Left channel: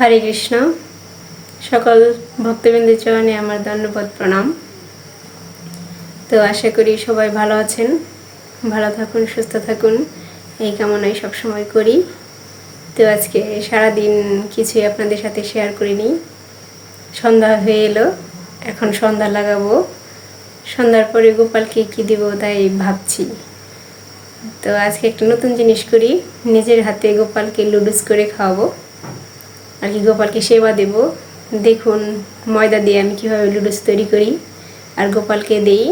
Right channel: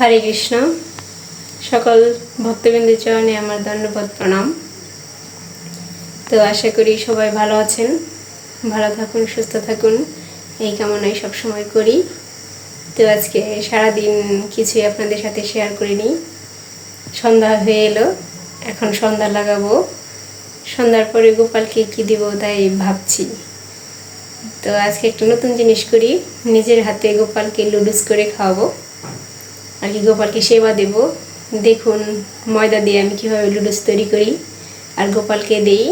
হরে কৃষ্ণ। সকল ভক্তবৃন্দের চরণে আমার ধন্যবাদ প্রণাম। তো আশা করি সবাই ভালো আছেন, ভালো থাকুন, সুস্থ থাকুন, এই কামনাই সবসময় করি। তো আজকে সারাদিন কিছুই আপনাদের সাথে শেয়ার করিনি। সন্ধ্যা হয়ে এলো, এখন সন্ধ্যা লাগাবো। সন্ধ্যার পরে গোপালকে কী দিব তাই ভাবছি। তো আজকে একটা নতুন জিনিস করি, নিজের হাতে গোপালকে লুডুস করে খাওয়াবো আর কি, গোপালকে সেবা দেব। দেখুন ময়দা দিয়ে আমি কীভাবে লুডুস তৈরি করি আর গোপালকে দেই।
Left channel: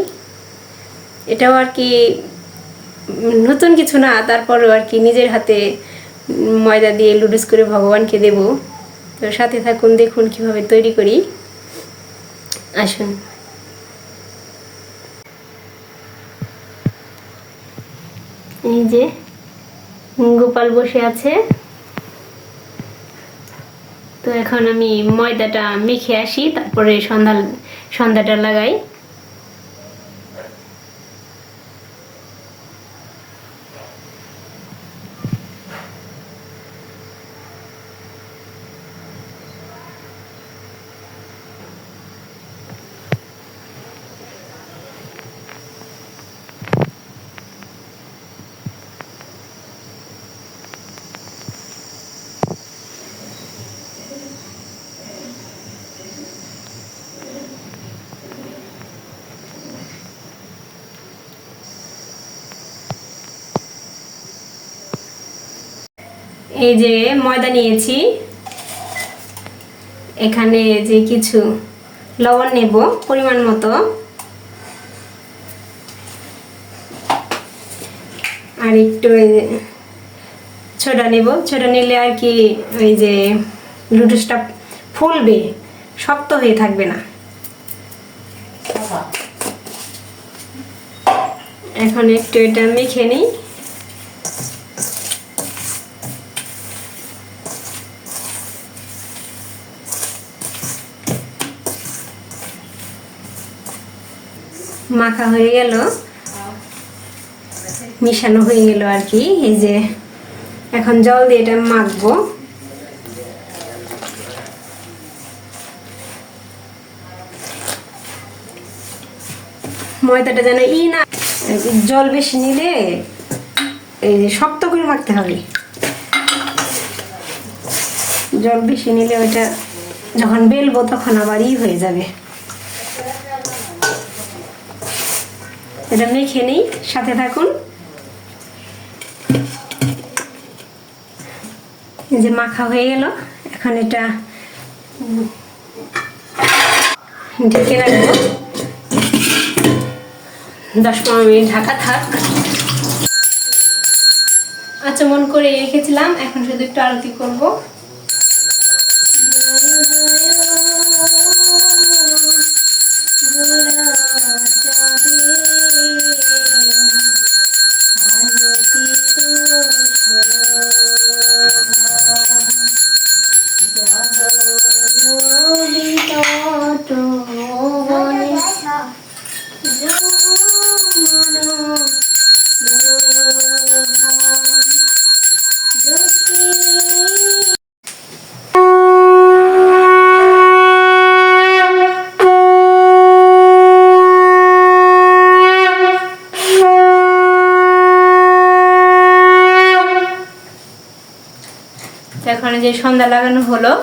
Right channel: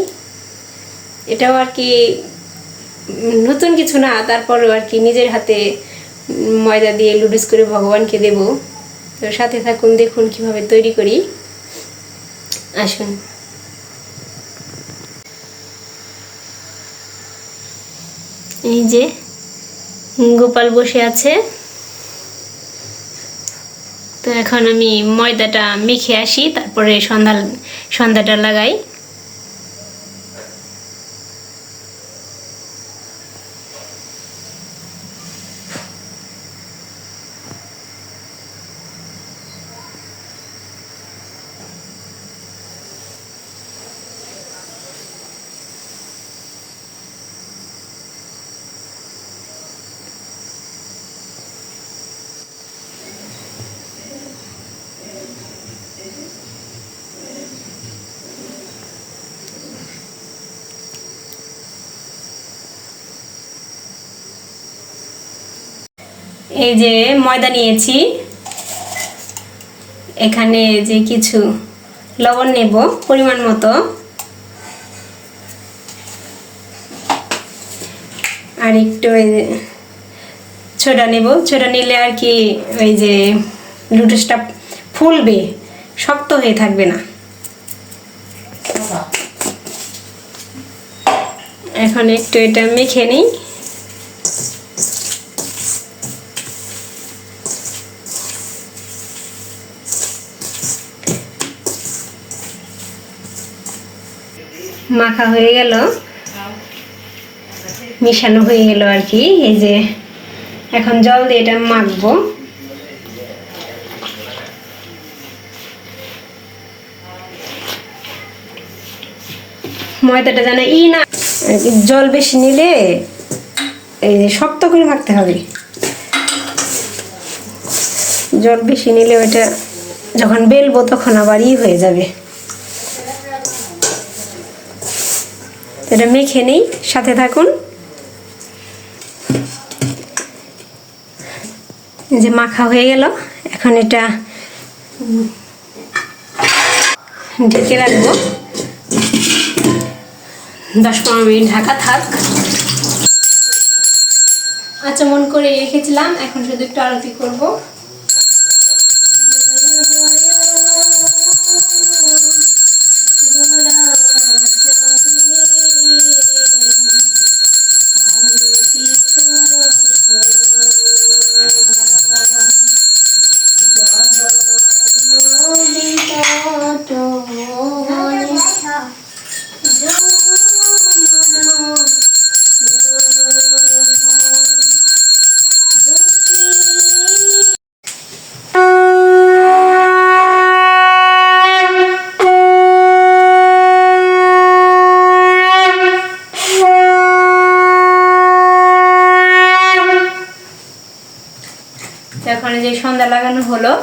এটাও আর কি নতুন কিছু না, তারপরেও আর কি নিজের হাতে ময়দা দিয়ে লুডুস করে ভগবানকে দেব। তো সাথে থাকুন, দেখুন কিভাবে তৈরি করি। আসুন। এই যে গোপাল বসে আছে। তো এখন আমি ময়দাটা মেখে আসি, তারপরে সন্ধ্যাটা লাগাই। এই যে ময়দা নিয়েছি, এখানে যে কিছু লবণ নেব পরিমাণ মতো, আর একটু ছোটা নেব। ছোটা নিলে আর কি ওই যে লুডুসটা ফুলবে, শক্ত হয়ে থাকবে না। এখন একটু এটা মেখে নিই। মাখা হয়ে গেল, মিশানো হয়ে গেল আর কি। এই যে এখন জল দিয়ে এটা মাখবো। ময়দাটা যেন না, জল বেশি নিলে এই যে শক্ত করে মাখতে হবে। জল বেশি নিলে ওইটা যখন বেলবো তখন আবার হয়ে যাবে। এটা মেখে নিই, সাথে থাকুন। যে মাখা হয়ে গেল, এখন এটা ঢেকে রাখবো 10-15 মিনিট, ঢাকা থাক। আচমন করে রেখেছিলাম, এখন শুধু একটু আরতি করবো। এখন যে সন্ধ্যা লাগানো হলো,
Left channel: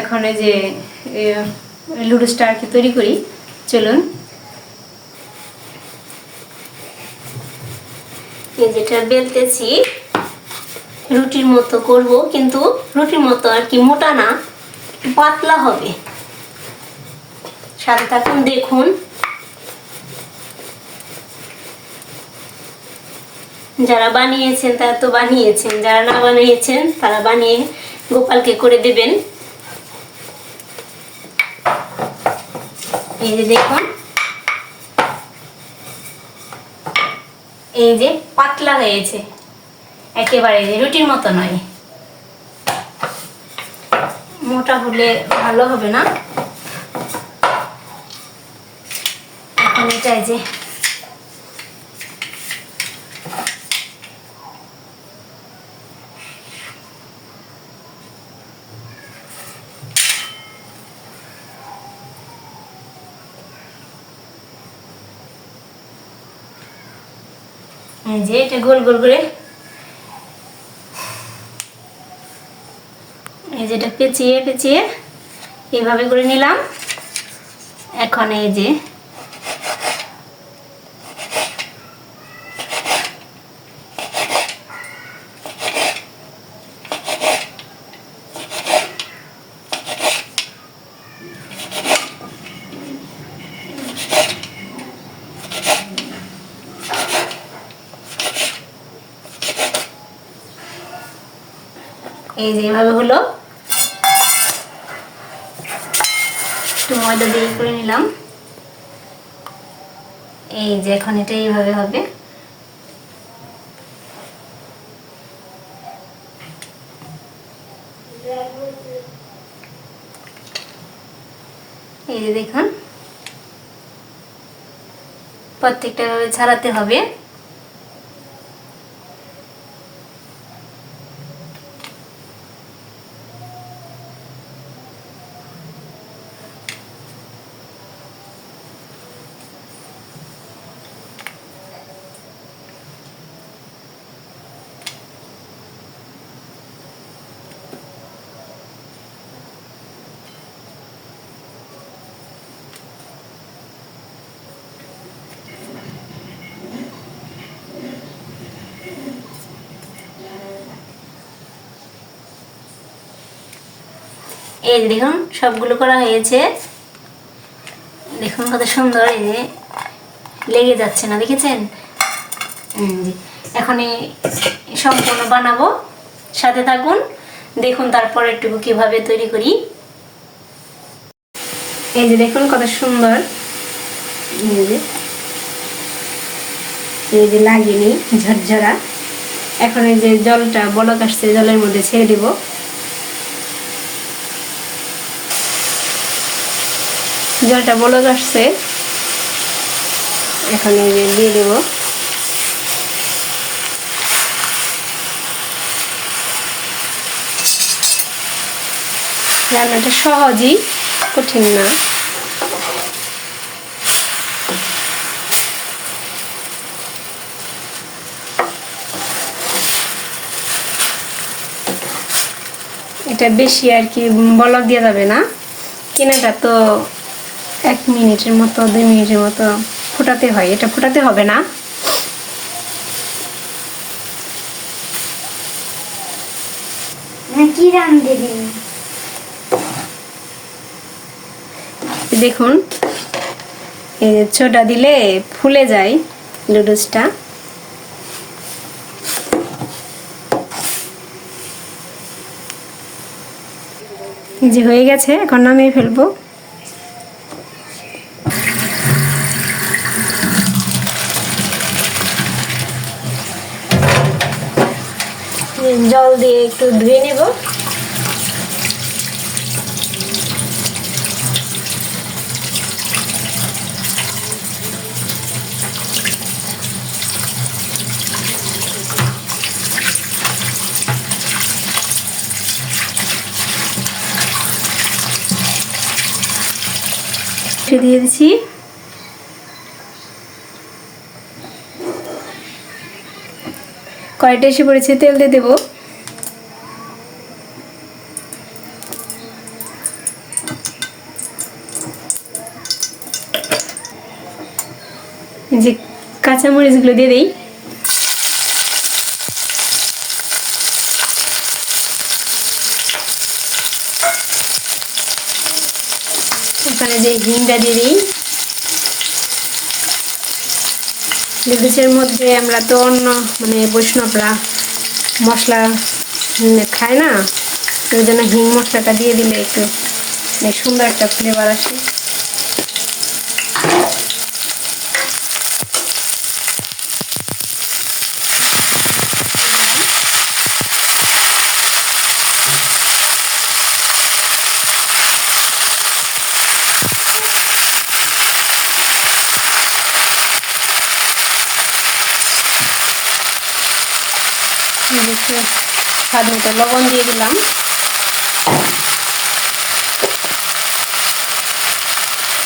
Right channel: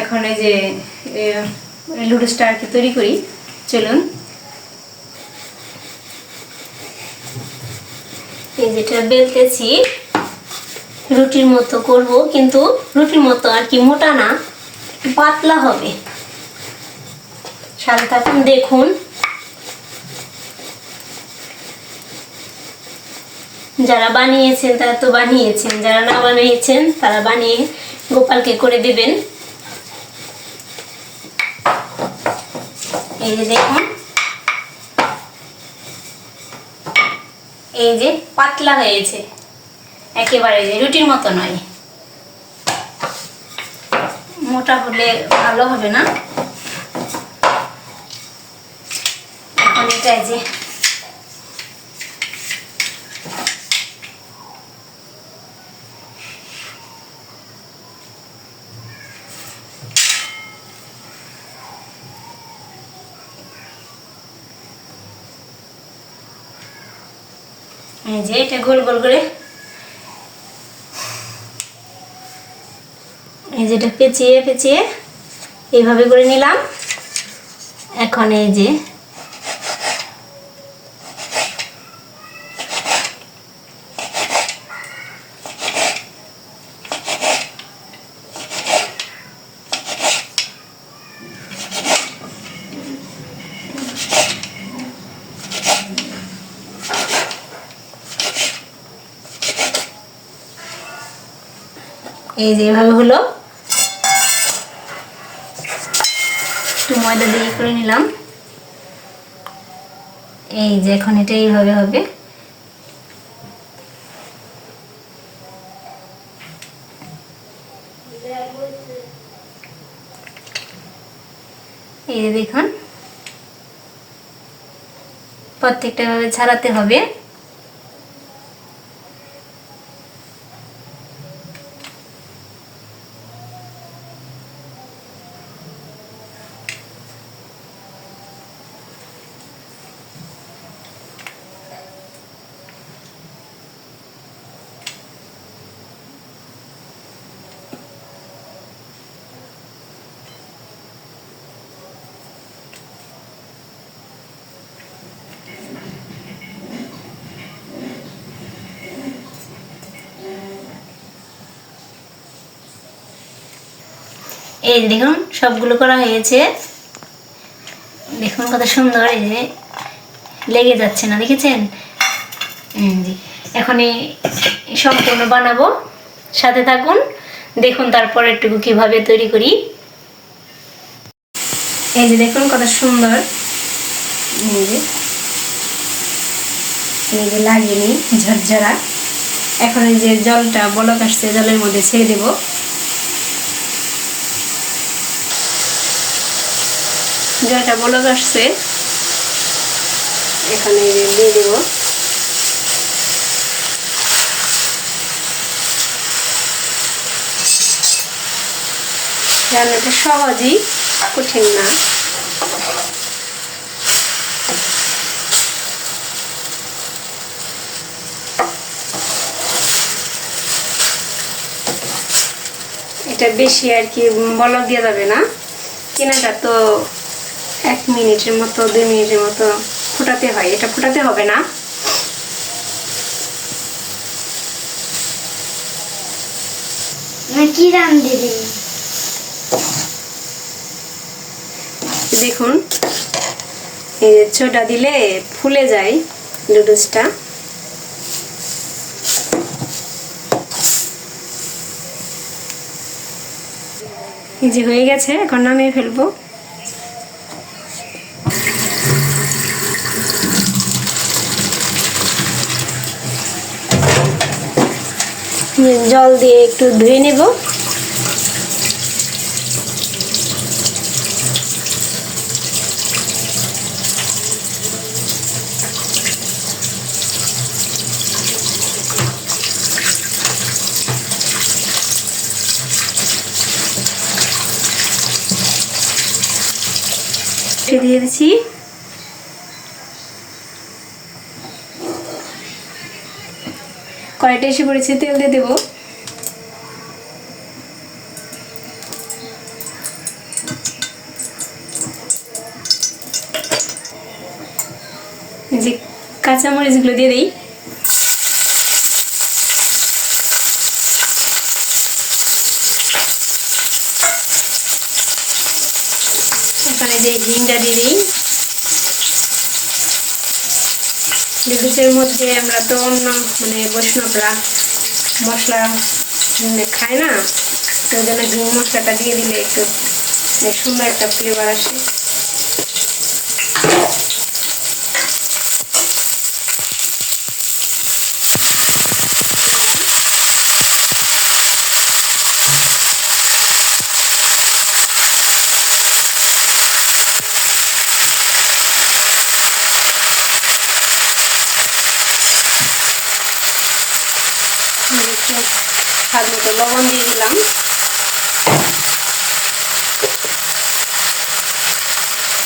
এখন এই যে লুডুসটা আর কি তৈরি করি। চলুন। এই যেটা বেলতেছি রুটির মতো করব, কিন্তু রুটির মতো আর কি মোটা না, পাতলা হবে। সাথে থাকুন, দেখুন। যারা বানিয়েছেন তারা তো বানিয়েছেন, যারা না বানিয়েছেন তারা বানিয়ে গোপালকে করে দেবেন। এই যে দেখুন, এই যে পাতলা হয়েছে, একেবারে রুটির মতো নয়। মোটা হলে ভালো হবে না। এখন এটা যে এই যে এটা গোল গোল করে এই যেটা পেঁচিয়ে পেঁচিয়ে এইভাবে করে নিলাম। এখন এই যে এইভাবে হলো, একটু ময়দা দিয়ে করে নিলাম। এই যে এখন এটা এইভাবে হবে। এই যে দেখুন প্রত্যেকটা ভাবে ছাড়াতে হবে। এই দেখুন সবগুলো করা হয়েছে, দেখুন কত সুন্দর, এই যে লেগে যাচ্ছে না, দেখেছেন? এখন সম্পূর্ণ বানাবো, সাথে থাকুন, দেখুন তারপর একটু কিভাবে তৈরি করি। এই যে দেখুন কত সুন্দর, এই যে লাগেনি ঝরঝরা। এখন এই যে জলটা বলক আসছে, জলের মধ্যে ছেড়ে দেব। জলটা বলক আসছে, এখানে দিয়ে দেব। রান্নাটা সহজই, কঠিন না। এটা বেশি আর কি বলক দেওয়া যাবে না, কেনাটা তো 1 মিনিটের মতো 2 মিনিটের মতো ফোটাতে হয়, এটা ফোটাতে হবে না। কি রান দিবি? দেখুন এই ছোটা দিলে ফুলে যায় নুডলসটা। এই যে হয়ে গেছে, এখন নামিয়ে ফেলবো। জল দিয়ে একটু ধুয়ে নেব। দিয়ে দিচ্ছি, কড়াইটা এসে পড়েছে, তেল দিয়ে দেবো। যে কাঁচামরিচগুলো দিয়ে দিই। এখানে যে হিংটা দিয়ে দিই। নুডলসের মধ্যে আমরা তো অন্য বৈষ্ণবরা মশলা খায় না, ওই জন্য হিং মশলাটা দিয়ে দিলে একটু সুন্দর একটা ফ্লেভার আসে। স্বাদ মতো লবণ দিয়ে দিলাম।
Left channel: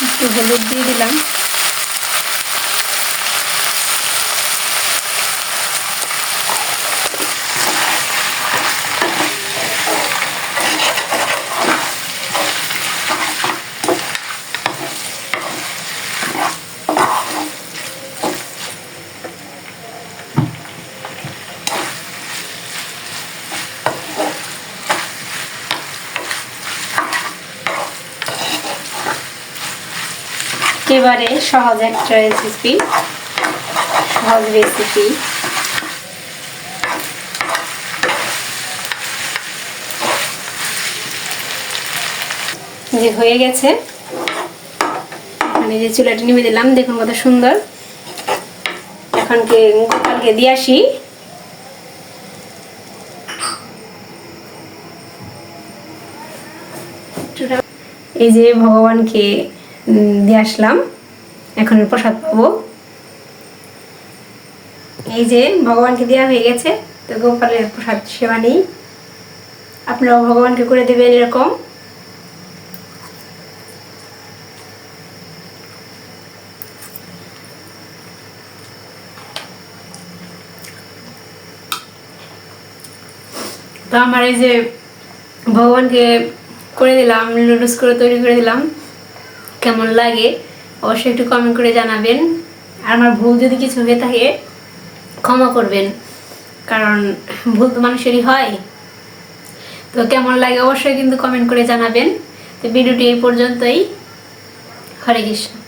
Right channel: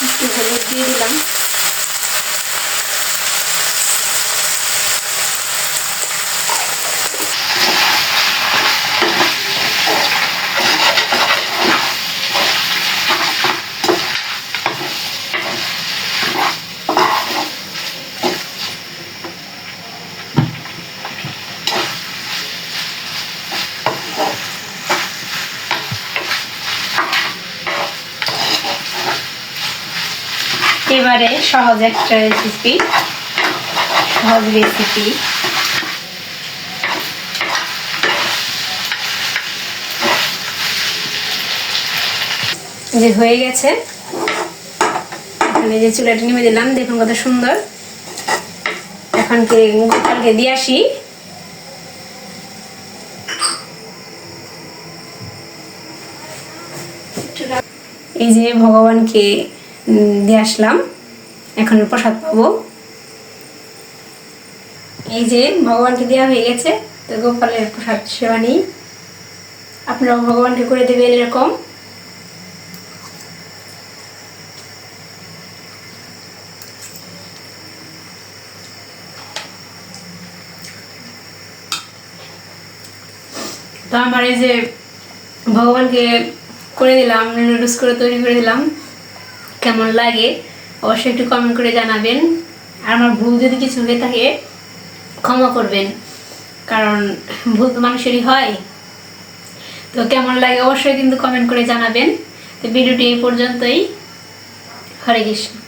একটু হলুদ দিয়ে দিলাম। একেবারে সহজ একটা রেসিপি, সহজ রেসিপি। যে হয়ে গেছে, এখানে যে চুলাটা নেমে দিলাম, দেখুন কত সুন্দর। এখন গোপালকে দিয়ে আসি। এই যে ভগবানকে দিয়ে আসলাম, এখন প্রসাদ পাবো। এই যে ভগবানকে দেওয়া হয়ে গেছে, তো গোপালের প্রসাদ সেবা নেই। আপনারাও ভগবানকে করে দেবেন এরকম। তো আমার এই যে ভগবানকে করে দিলাম, নুডলস করে তৈরি করে দিলাম, কেমন লাগে অবশ্যই একটু কমেন্ট করে জানাবেন। আর আমার ভুল যদি কিছু হয়ে থাকে ক্ষমা করবেন, কারণ ভুল তো মানুষেরই হয়। তো কেমন লাগে অবশ্যই কিন্তু কমেন্ট করে জানাবেন। তো ভিডিওটি এই পর্যন্তই। হরে কৃষ্ণ।